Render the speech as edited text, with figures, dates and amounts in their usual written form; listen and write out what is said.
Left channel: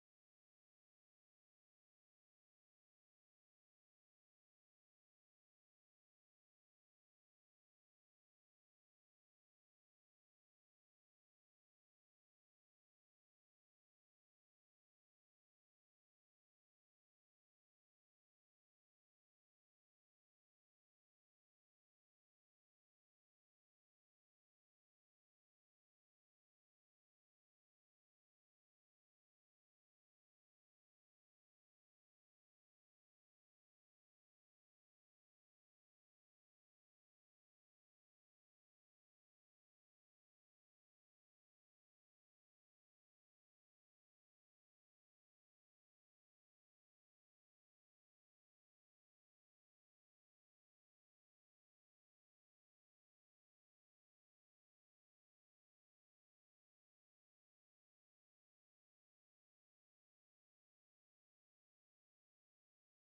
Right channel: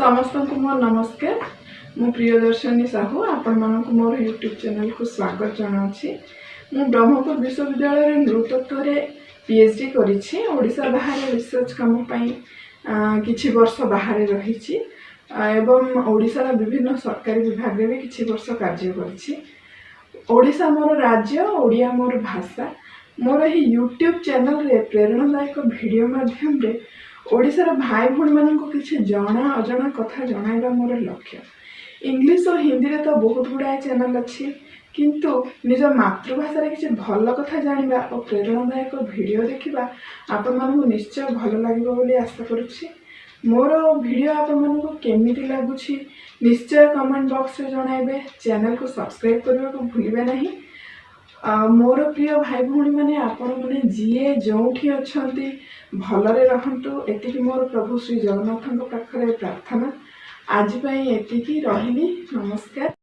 समस्त को मोर नमस्कार। मु प्रियदर्शनी साहू आपण मानक मोर यूट्यूब चैनल को स्वागत जनाऊँगी। मु ब्रह्मपुर विश्वविद्यालय नृतत्व पीएचडी करी ओडिशा बाहर रिसर्च काम किछि वर्ष बाहर रही एवं ओडिशा विभिन्न सरकारी विभाग में भी किछि वर्ष कार्य करी। ओडिशा मोर राज्य, ओडिया मोर भाषा। मोर ही यूट्यूब चैनल रे प्रेरणादायक वीडियो माध्यम रे ओडिशार भाई भौणी मानक किछि जना अजना कथा जणाइबा मोर लक्ष्य। इंग्लिश और हिंदी रे तो बहुत गुड़ाए चैनल अच्छी, किंतु निज मातृभाषा किसी भल कथा जानिबा और प्रेरणादायक वीडियो देखिबा आपण मानक निश्चय भल लागिबो बोली आशा करुछि। मोर वीडियो आपण मानक केमिति लागुछि निश्चय कमेंट बॉक्स रे जणाइबे। चैनल को सब्सक्राइब करबा को भूलिबे नहीं। मोर प्रिय भाई भौणी माने आपण माने जीए जोठी अछंती भलरे रहंतु, एतिकी मोर प्रभु श्री जगन्नाथ पाखरे प्रार्थना। आज पई एतिकी रहिली। नमस्कार।